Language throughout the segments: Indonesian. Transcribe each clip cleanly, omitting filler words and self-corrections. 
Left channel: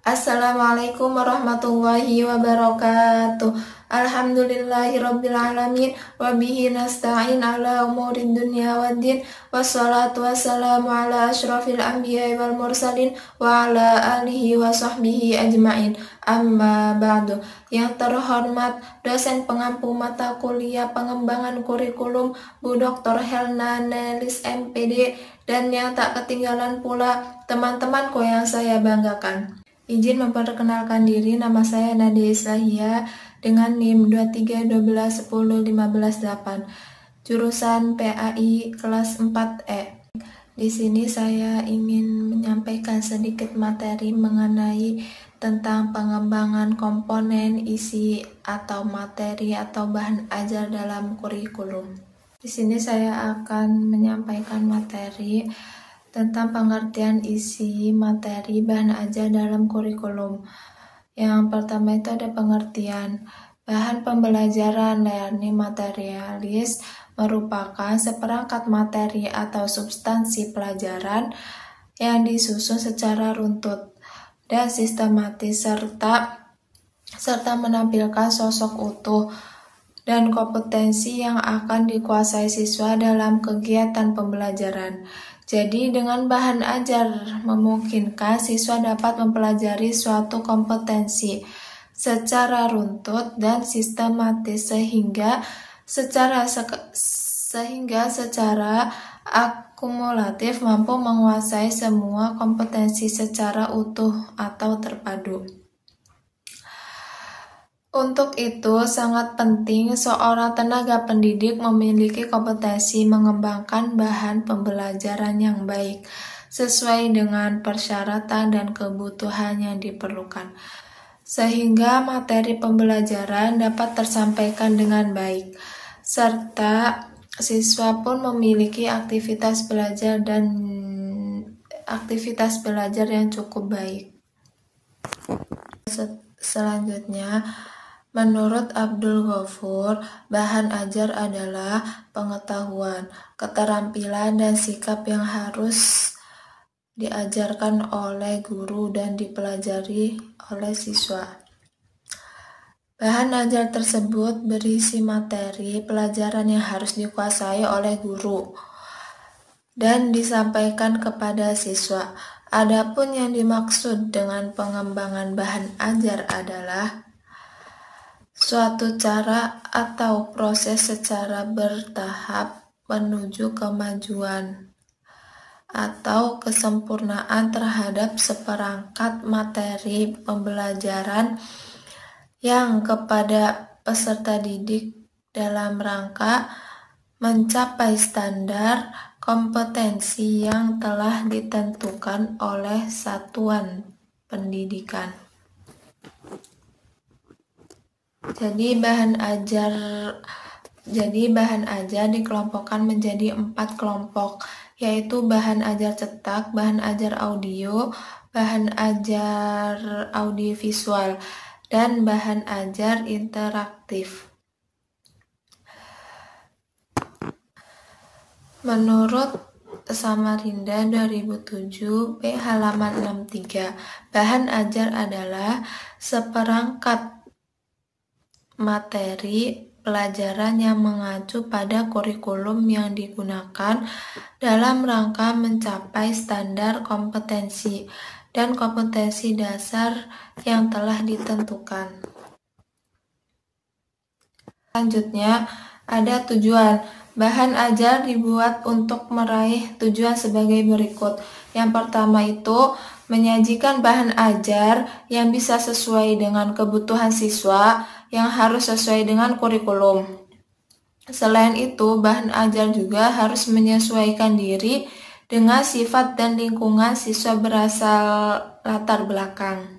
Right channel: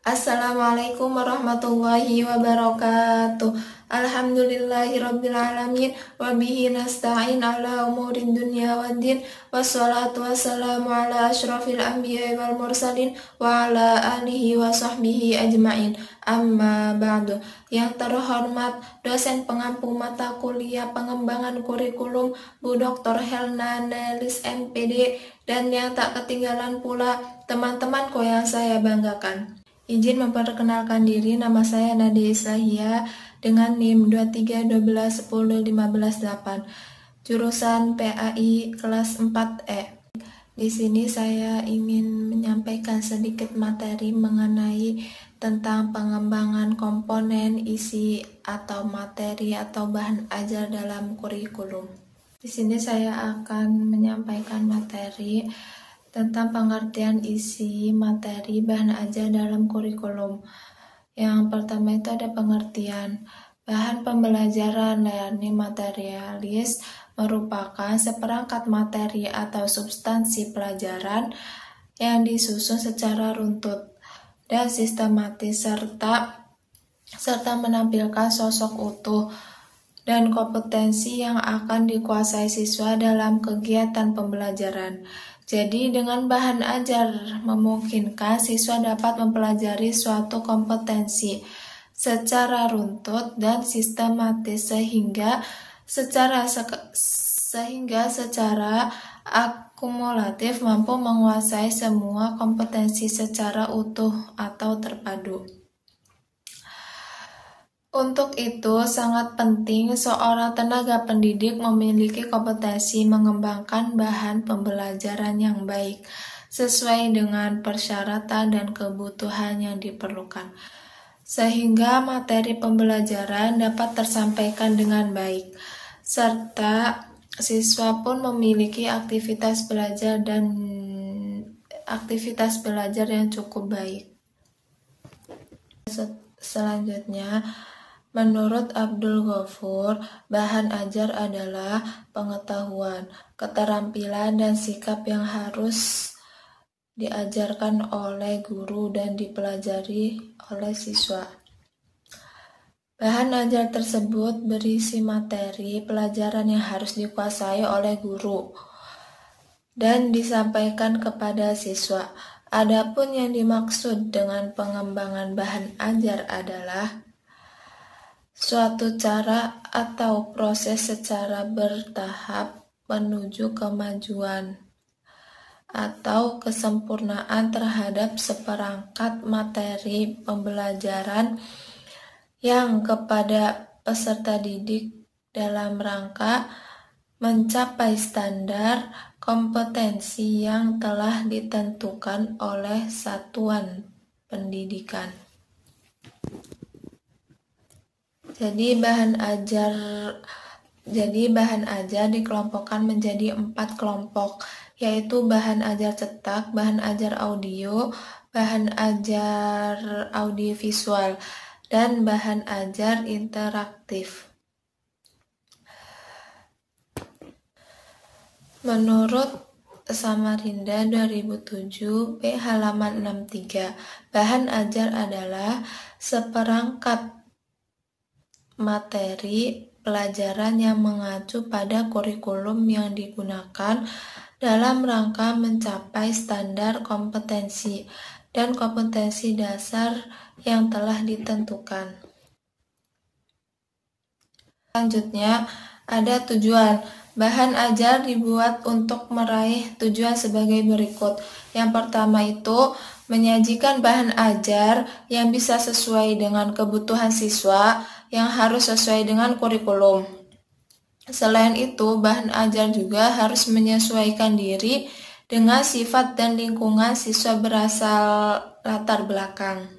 Assalamualaikum warahmatullahi wabarakatuh. Alhamdulillahirabbil alamin wa bihi nasta'in ala umurid dunya waddin. Wassalatu wassalamu ala asyrafil anbiya'i wal mursalin wa ala alihi wa sahbihi ajmain. Amma ba'du. Yang terhormat dosen pengampu mata kuliah pengembangan kurikulum Bu Dr. Helna Nelis MPD, dan yang tak ketinggalan pula teman-temanku yang saya banggakan. Izin memperkenalkan diri, nama saya Nadia Islahia dengan NIM 2312101588, jurusan PAI kelas 4E. Di sini saya ingin menyampaikan sedikit materi mengenai tentang pengembangan komponen isi atau materi atau bahan ajar dalam kurikulum. Di sini saya akan menyampaikan materi tentang pengertian isi materi bahan ajar dalam kurikulum. Yang pertama itu ada pengertian. Bahan pembelajaran learning materialis merupakan seperangkat materi atau substansi pelajaran yang disusun secara runtut dan sistematis serta menampilkan sosok utuh dan kompetensi yang akan dikuasai siswa dalam kegiatan pembelajaran. Jadi dengan bahan ajar memungkinkan siswa dapat mempelajari suatu kompetensi secara runtut dan sistematis sehingga secara akumulatif mampu menguasai semua kompetensi secara utuh atau terpadu. Untuk itu, sangat penting seorang tenaga pendidik memiliki kompetensi mengembangkan bahan pembelajaran yang baik, sesuai dengan persyaratan dan kebutuhan yang diperlukan, sehingga materi pembelajaran dapat tersampaikan dengan baik, serta siswa pun memiliki aktivitas belajar yang cukup baik. Selanjutnya, menurut Abdul Ghafur, bahan ajar adalah pengetahuan, keterampilan, dan sikap yang harus diajarkan oleh guru dan dipelajari oleh siswa. Bahan ajar tersebut berisi materi pelajaran yang harus dikuasai oleh guru dan disampaikan kepada siswa. Adapun yang dimaksud dengan pengembangan bahan ajar adalah suatu cara atau proses secara bertahap menuju kemajuan atau kesempurnaan terhadap seperangkat materi pembelajaran yang kepada peserta didik dalam rangka mencapai standar kompetensi yang telah ditentukan oleh satuan pendidikan. Jadi bahan ajar dikelompokkan menjadi 4 kelompok, yaitu bahan ajar cetak, bahan ajar audio, bahan ajar audiovisual, dan bahan ajar interaktif. Menurut Samarinda 2007 B halaman 63, bahan ajar adalah seperangkat materi pelajaran yang mengacu pada kurikulum yang digunakan dalam rangka mencapai standar kompetensi dan kompetensi dasar yang telah ditentukan. Selanjutnya, ada tujuan. Bahan ajar dibuat untuk meraih tujuan sebagai berikut. Yang pertama itu menyajikan bahan ajar yang bisa sesuai dengan kebutuhan siswa yang harus sesuai dengan kurikulum. Selain itu, bahan ajar juga harus menyesuaikan diri dengan sifat dan lingkungan siswa berasal latar belakang.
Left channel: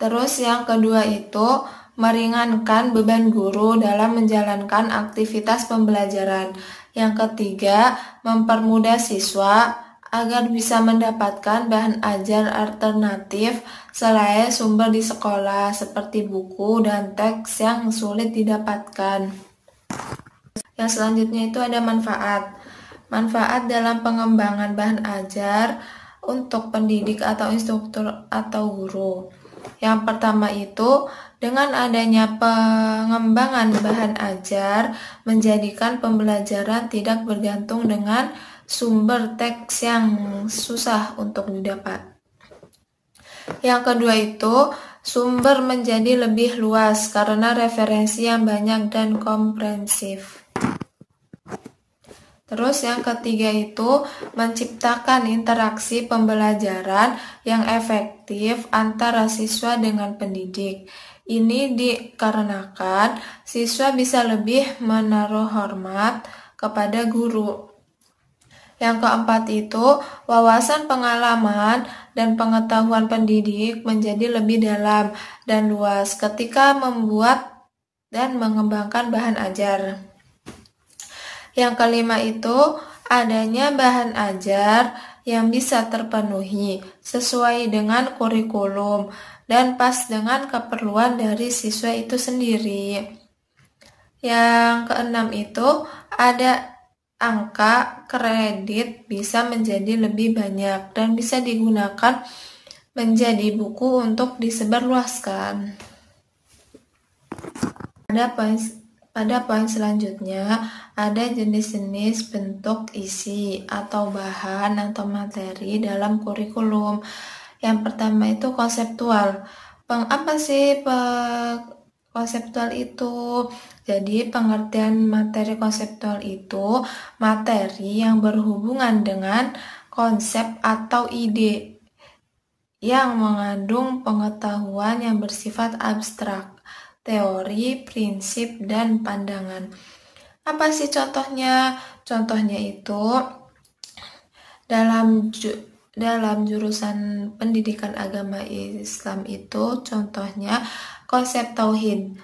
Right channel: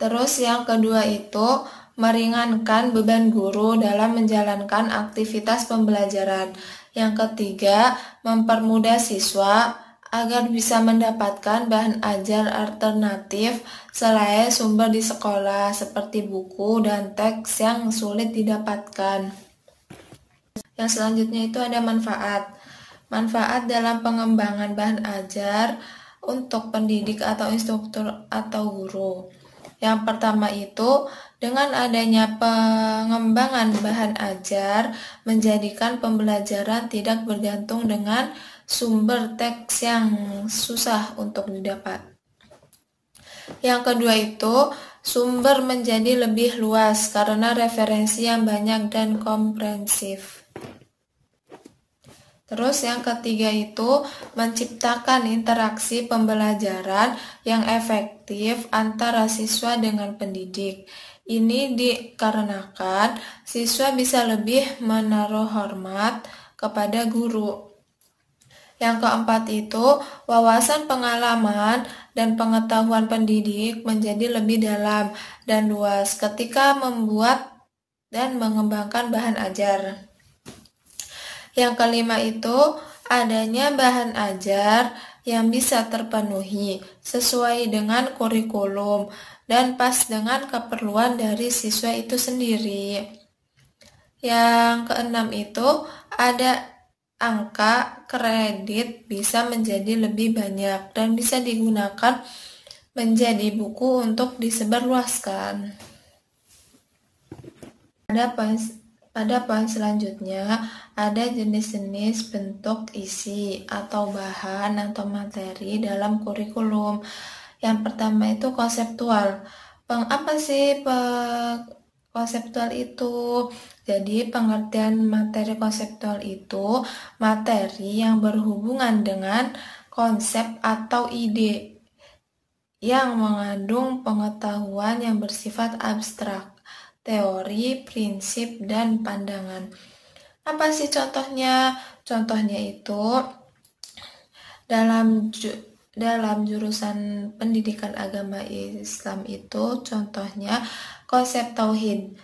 Terus yang kedua itu meringankan beban guru dalam menjalankan aktivitas pembelajaran. Yang ketiga, mempermudah siswa agar bisa mendapatkan bahan ajar alternatif selain sumber di sekolah seperti buku dan teks yang sulit didapatkan. Yang selanjutnya itu ada manfaat. Manfaat dalam pengembangan bahan ajar untuk pendidik atau instruktur atau guru. Yang pertama itu, dengan adanya pengembangan bahan ajar, menjadikan pembelajaran tidak bergantung dengan sumber teks yang susah untuk didapat. Yang kedua itu, sumber menjadi lebih luas karena referensi yang banyak dan komprehensif. Terus yang ketiga itu, menciptakan interaksi pembelajaran yang efektif antara siswa dengan pendidik. Ini dikarenakan siswa bisa lebih menaruh hormat kepada guru. Yang keempat itu, wawasan pengalaman dan pengetahuan pendidik menjadi lebih dalam dan luas ketika membuat dan mengembangkan bahan ajar. Yang kelima itu, adanya bahan ajar yang bisa terpenuhi sesuai dengan kurikulum dan pas dengan keperluan dari siswa itu sendiri. Yang keenam itu, ada angka kredit bisa menjadi lebih banyak dan bisa digunakan menjadi buku untuk disebarluaskan. Pada poin selanjutnya, ada jenis-jenis bentuk isi atau bahan atau materi dalam kurikulum. Yang pertama itu konseptual. Apa sih konseptual itu? Jadi pengertian materi konseptual itu materi yang berhubungan dengan konsep atau ide yang mengandung pengetahuan yang bersifat abstrak, teori, prinsip, dan pandangan. Apa sih contohnya? Contohnya itu dalam jurusan pendidikan agama Islam itu contohnya konsep tauhid.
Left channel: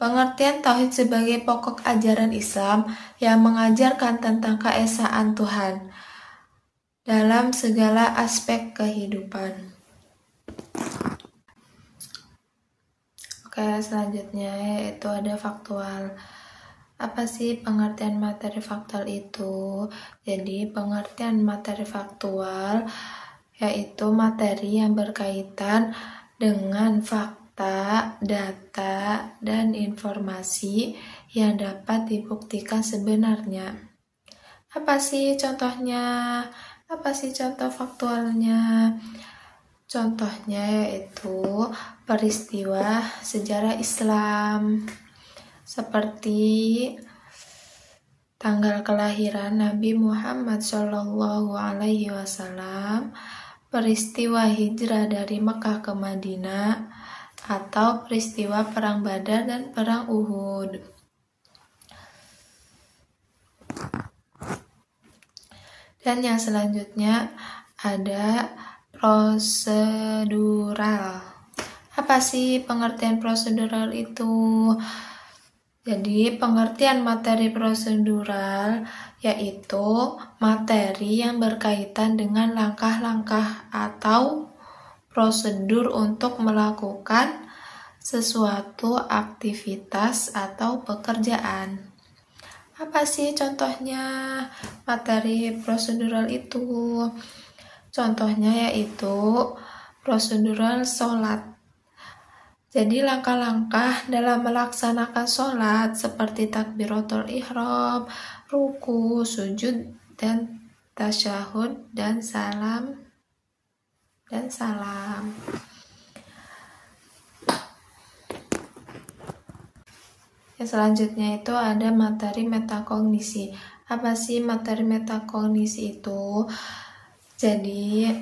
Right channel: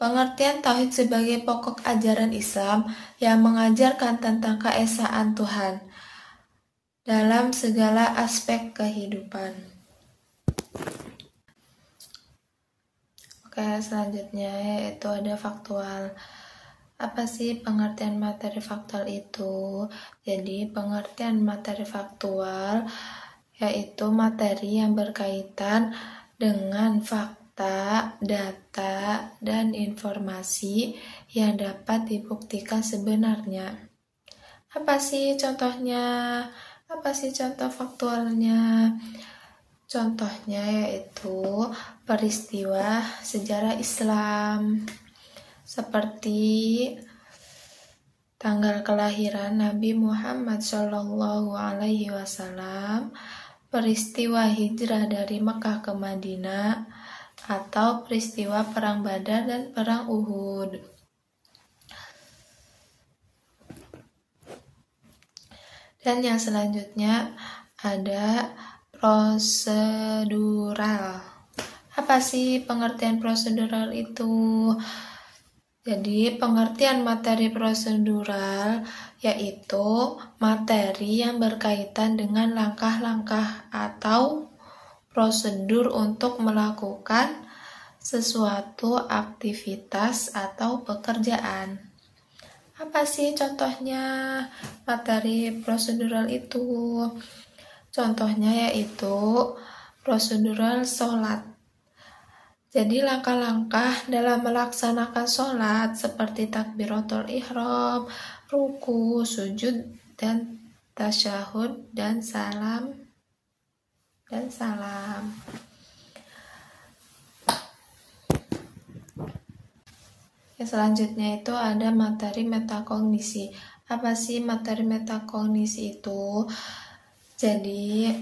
Pengertian tauhid sebagai pokok ajaran Islam yang mengajarkan tentang keesaan Tuhan dalam segala aspek kehidupan. Selanjutnya yaitu ada faktual. Apa sih pengertian materi faktual itu? Jadi pengertian materi faktual yaitu materi yang berkaitan dengan fakta, data, dan informasi yang dapat dibuktikan sebenarnya. Apa sih contohnya? Apa sih contoh faktualnya? Contohnya yaitu peristiwa sejarah Islam seperti tanggal kelahiran Nabi Muhammad SAW, peristiwa hijrah dari Mekah ke Madinah, atau peristiwa perang Badar dan perang Uhud. Dan yang selanjutnya ada prosedural. Apa sih pengertian prosedural itu? Jadi pengertian materi prosedural yaitu materi yang berkaitan dengan langkah-langkah atau prosedur untuk melakukan sesuatu aktivitas atau pekerjaan. Apa sih contohnya materi prosedural itu? Contohnya yaitu prosedural sholat. Jadi langkah-langkah dalam melaksanakan sholat seperti takbiratul ihram, ruku, sujud, dan tasyahud, dan salam. Selanjutnya itu ada materi metakognisi. Apa sih materi metakognisi itu? Jadi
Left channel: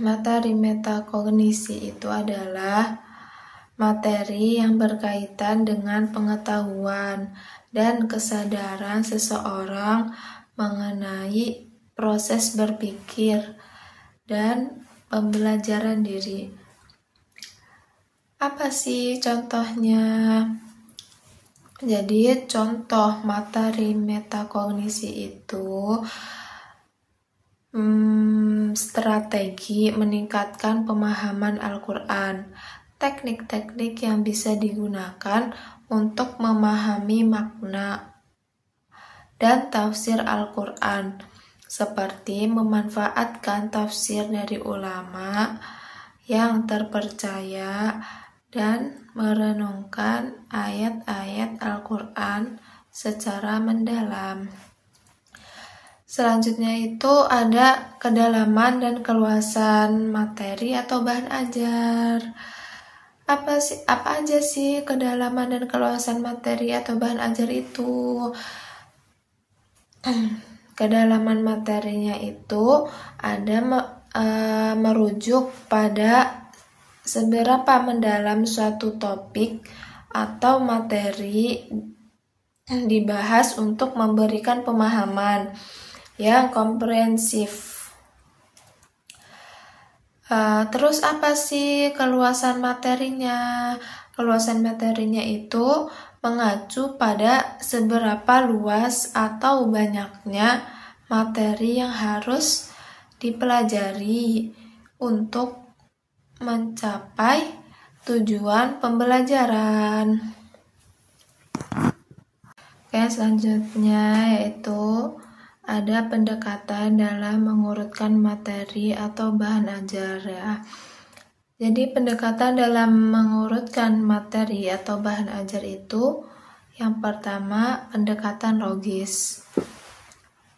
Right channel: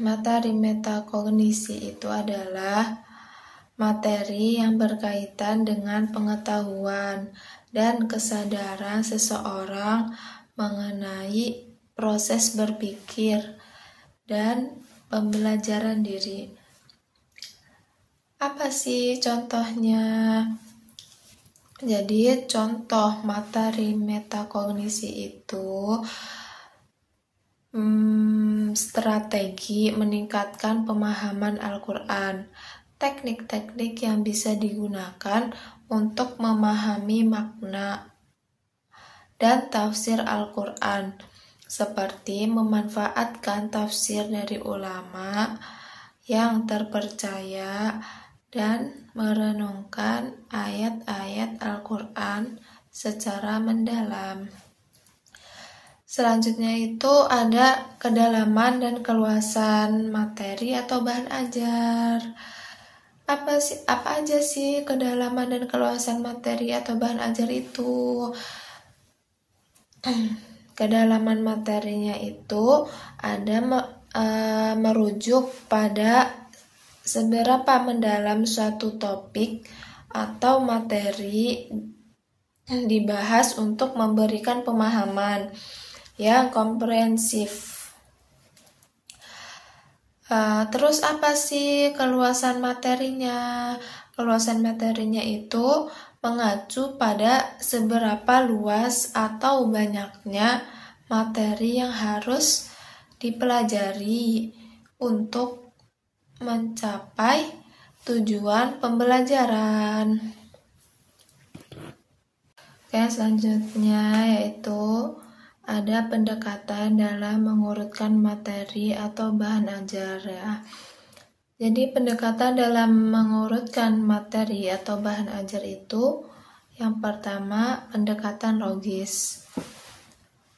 materi metakognisi itu adalah materi yang berkaitan dengan pengetahuan dan kesadaran seseorang mengenai proses berpikir dan pembelajaran diri. Apa sih contohnya? Jadi contoh materi metakognisi itu strategi meningkatkan pemahaman Al-Quran, teknik-teknik yang bisa digunakan untuk memahami makna dan tafsir Al-Quran, seperti memanfaatkan tafsir dari ulama yang terpercaya dan merenungkan ayat-ayat Al-Quran secara mendalam. Selanjutnya itu ada kedalaman dan keluasan materi atau bahan ajar. Apa aja sih kedalaman dan keluasan materi atau bahan ajar itu? Kedalaman materinya itu ada merujuk pada seberapa mendalam suatu topik atau materi dibahas untuk memberikan pemahaman yang komprehensif. Terus apa sih keluasan materinya? Keluasan materinya itu mengacu pada seberapa luas atau banyaknya materi yang harus dipelajari untuk mencapai tujuan pembelajaran. Oke, selanjutnya yaitu ada pendekatan dalam mengurutkan materi atau bahan ajar ya. Jadi pendekatan dalam mengurutkan materi atau bahan ajar itu yang pertama pendekatan logis.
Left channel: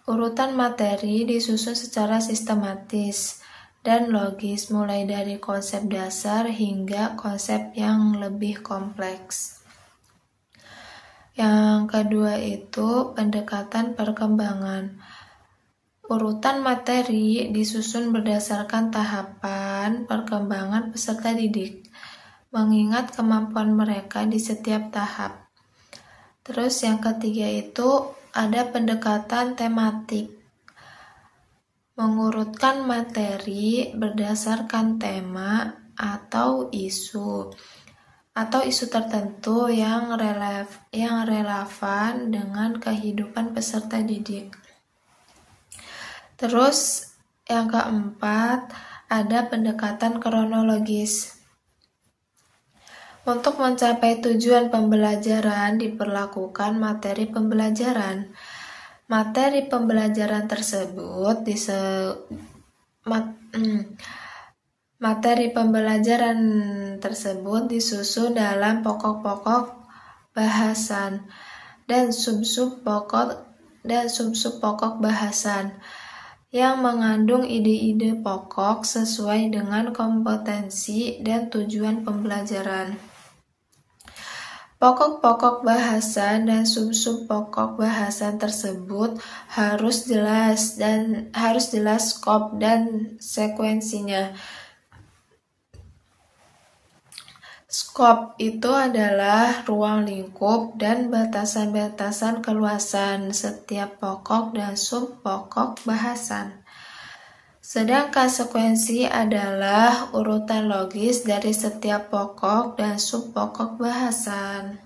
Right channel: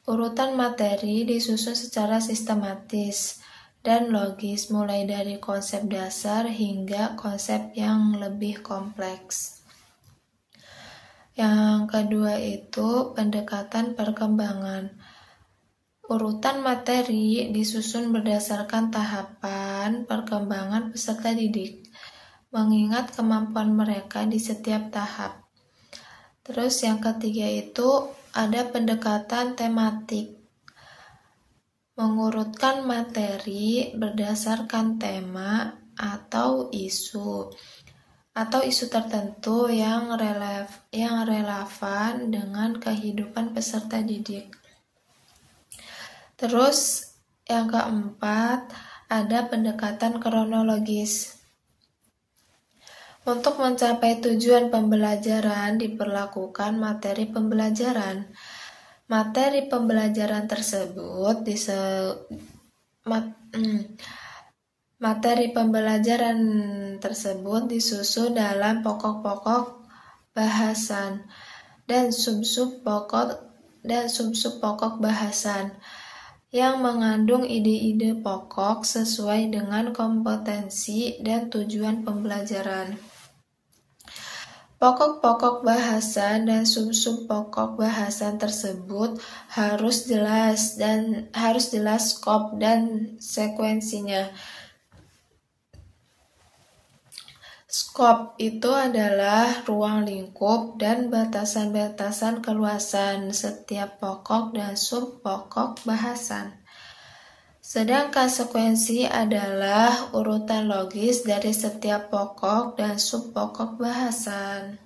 Urutan materi disusun secara sistematis dan logis mulai dari konsep dasar hingga konsep yang lebih kompleks. Yang kedua itu pendekatan perkembangan. Urutan materi disusun berdasarkan tahapan perkembangan peserta didik, mengingat kemampuan mereka di setiap tahap. Terus yang ketiga itu ada pendekatan tematik. Mengurutkan materi berdasarkan tema atau isu tertentu yang relevan dengan kehidupan peserta didik. Terus yang keempat ada pendekatan kronologis. Untuk mencapai tujuan pembelajaran diperlakukan materi pembelajaran. Materi pembelajaran tersebut disusun dalam pokok-pokok bahasan dan sub-sub pokok bahasan yang mengandung ide-ide pokok sesuai dengan kompetensi dan tujuan pembelajaran. Pokok-pokok bahasan dan sub-sub pokok bahasan tersebut harus jelas skop dan sekuensinya. Skop itu adalah ruang lingkup dan batasan-batasan keluasan setiap pokok dan sub pokok bahasan. Sedangkan sekuensi adalah urutan logis dari setiap pokok dan sub pokok bahasan.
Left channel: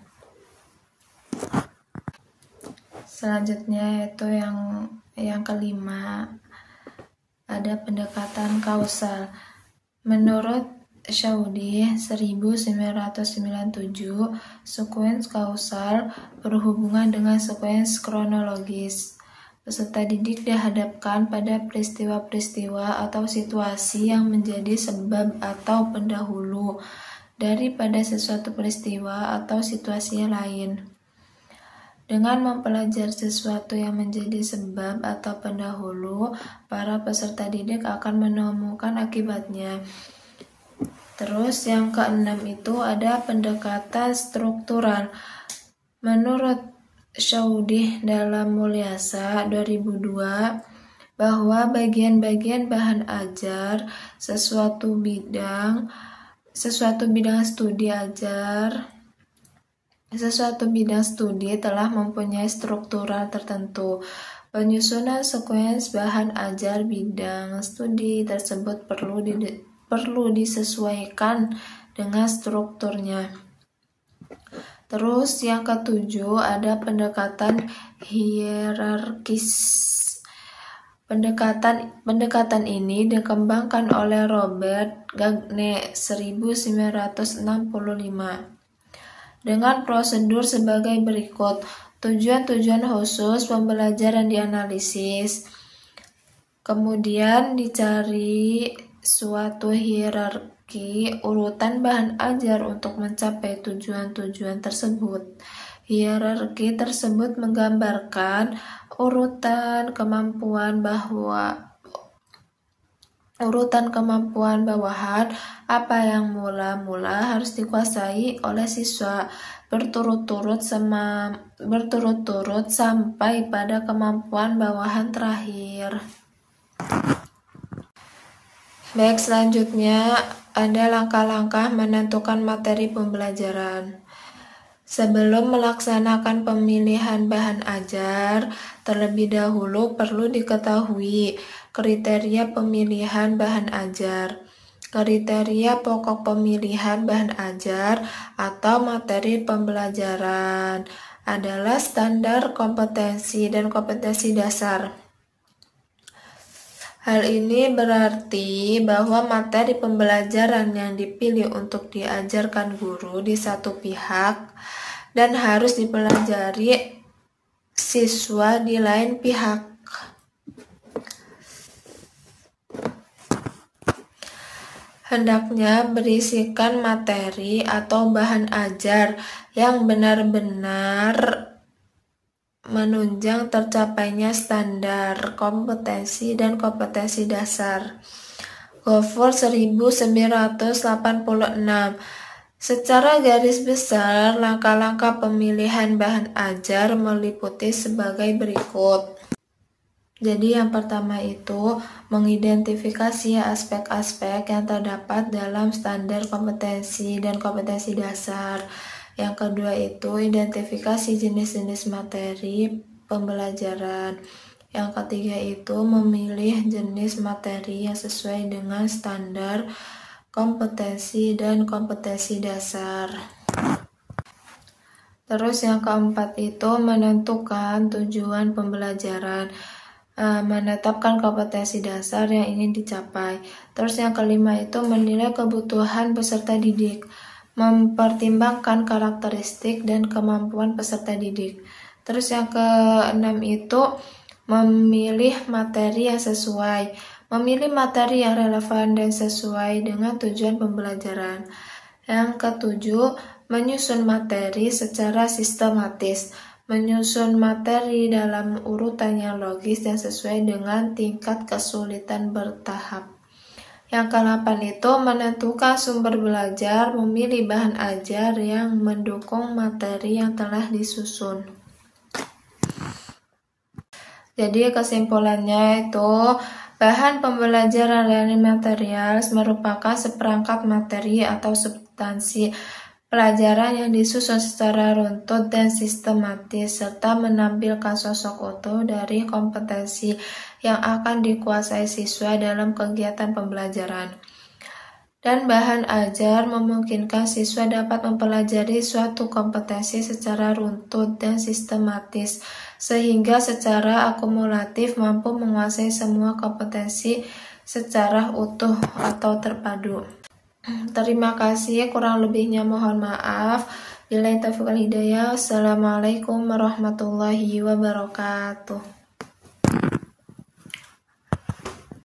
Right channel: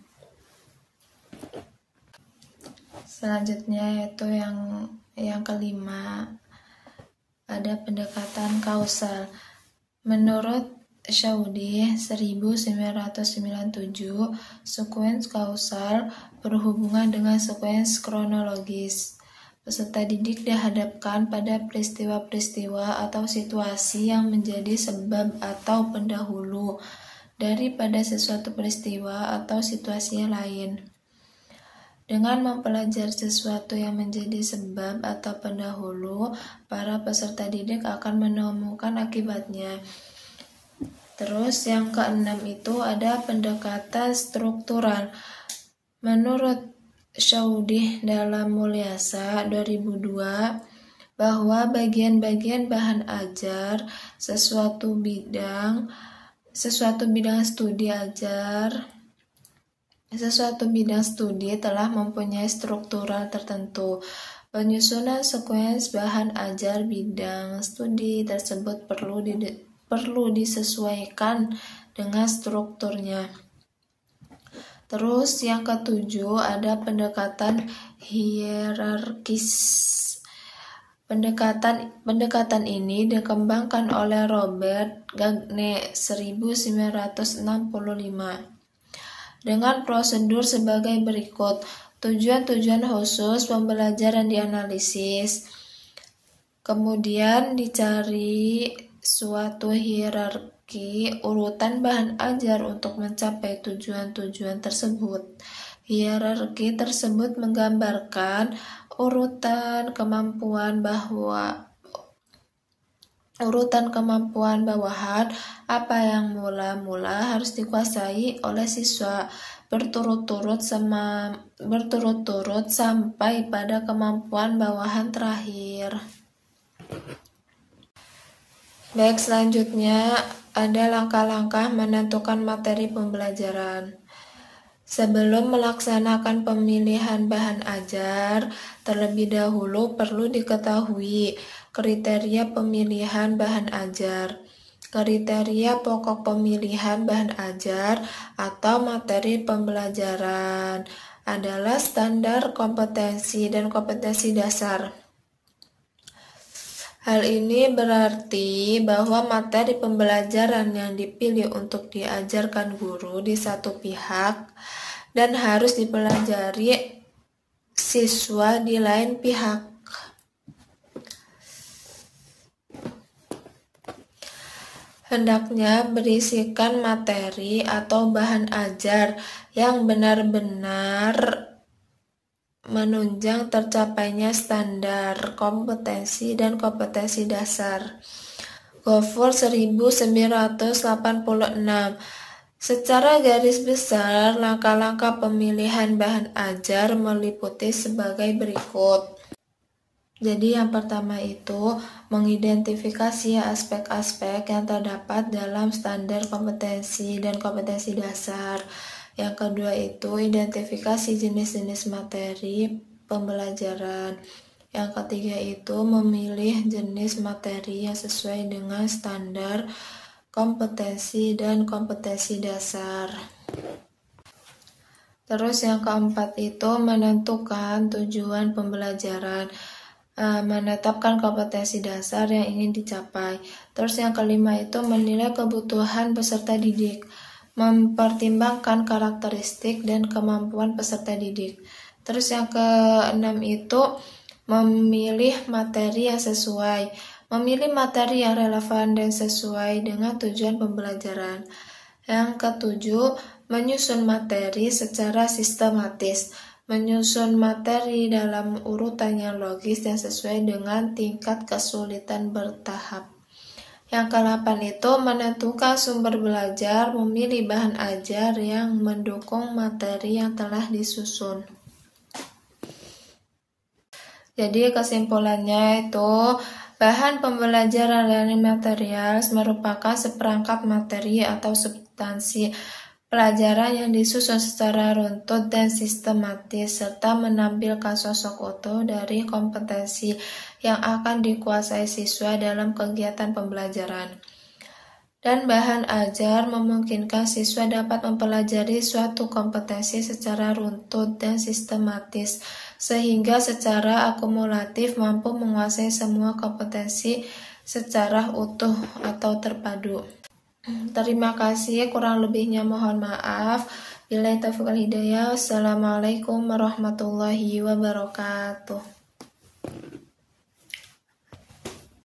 Selanjutnya yaitu yang kelima, ada pendekatan kausal. Menurut Shaudi 1997, sekuens kausal berhubungan dengan sekuens kronologis. Peserta didik dihadapkan pada peristiwa-peristiwa atau situasi yang menjadi sebab atau pendahulu daripada sesuatu peristiwa atau situasi lain. Dengan mempelajari sesuatu yang menjadi sebab atau pendahulu, para peserta didik akan menemukan akibatnya. Terus yang keenam itu ada pendekatan struktural. Menurut Shaudi dalam Mulyasa 2002 bahwa bagian-bagian bahan ajar sesuatu bidang studi telah mempunyai struktural tertentu. Penyusunan sekuens bahan ajar bidang studi tersebut perlu disesuaikan dengan strukturnya. Terus yang ketujuh ada pendekatan hierarkis. Pendekatan ini dikembangkan oleh Robert Gagne 1965 dengan prosedur sebagai berikut. Tujuan-tujuan khusus pembelajaran dianalisis. Kemudian dicari suatu hierarki urutan bahan ajar untuk mencapai tujuan-tujuan tersebut. Hierarki tersebut menggambarkan urutan kemampuan bawahan apa yang mula-mula harus dikuasai oleh siswa berturut-turut sampai pada kemampuan bawahan terakhir. Baik, selanjutnya ada langkah-langkah menentukan materi pembelajaran. Sebelum melaksanakan pemilihan bahan ajar, terlebih dahulu perlu diketahui kriteria pemilihan bahan ajar. Kriteria pokok pemilihan bahan ajar atau materi pembelajaran adalah standar kompetensi dan kompetensi dasar. Hal ini berarti bahwa materi pembelajaran yang dipilih untuk diajarkan guru di satu pihak dan harus dipelajari siswa di lain pihak. Hendaknya berisikan materi atau bahan ajar yang benar-benar menunjang tercapainya standar kompetensi dan kompetensi dasar. Gofur 1986. Secara garis besar, langkah-langkah pemilihan bahan ajar meliputi sebagai berikut. Jadi yang pertama itu mengidentifikasi aspek-aspek yang terdapat dalam standar kompetensi dan kompetensi dasar. Yang kedua itu identifikasi jenis-jenis materi pembelajaran. Yang ketiga itu memilih jenis materi yang sesuai dengan standar kompetensi dan kompetensi dasar. Terus yang keempat itu menentukan tujuan pembelajaran, menetapkan kompetensi dasar yang ingin dicapai. Terus yang kelima itu menilai kebutuhan peserta didik, mempertimbangkan karakteristik dan kemampuan peserta didik. Terus yang keenam itu memilih materi yang sesuai, memilih materi yang relevan dan sesuai dengan tujuan pembelajaran. Yang ketujuh, menyusun materi secara sistematis, menyusun materi dalam urutan yang logis dan sesuai dengan tingkat kesulitan bertahap. Yang ke-8 itu menentukan sumber belajar, memilih bahan ajar yang mendukung materi yang telah disusun. Jadi kesimpulannya itu bahan pembelajaran learning materials merupakan seperangkat materi atau substansi pelajaran yang disusun secara runtut dan sistematis serta menampilkan sosok utuh dari kompetensi yang akan dikuasai siswa dalam kegiatan pembelajaran. Dan bahan ajar memungkinkan siswa dapat mempelajari suatu kompetensi secara runtut dan sistematis sehingga secara akumulatif mampu menguasai semua kompetensi secara utuh atau terpadu. Terima kasih, kurang lebihnya mohon maaf. Billahi taufiq wal hidayah. Wassalamualaikum warahmatullahi wabarakatuh.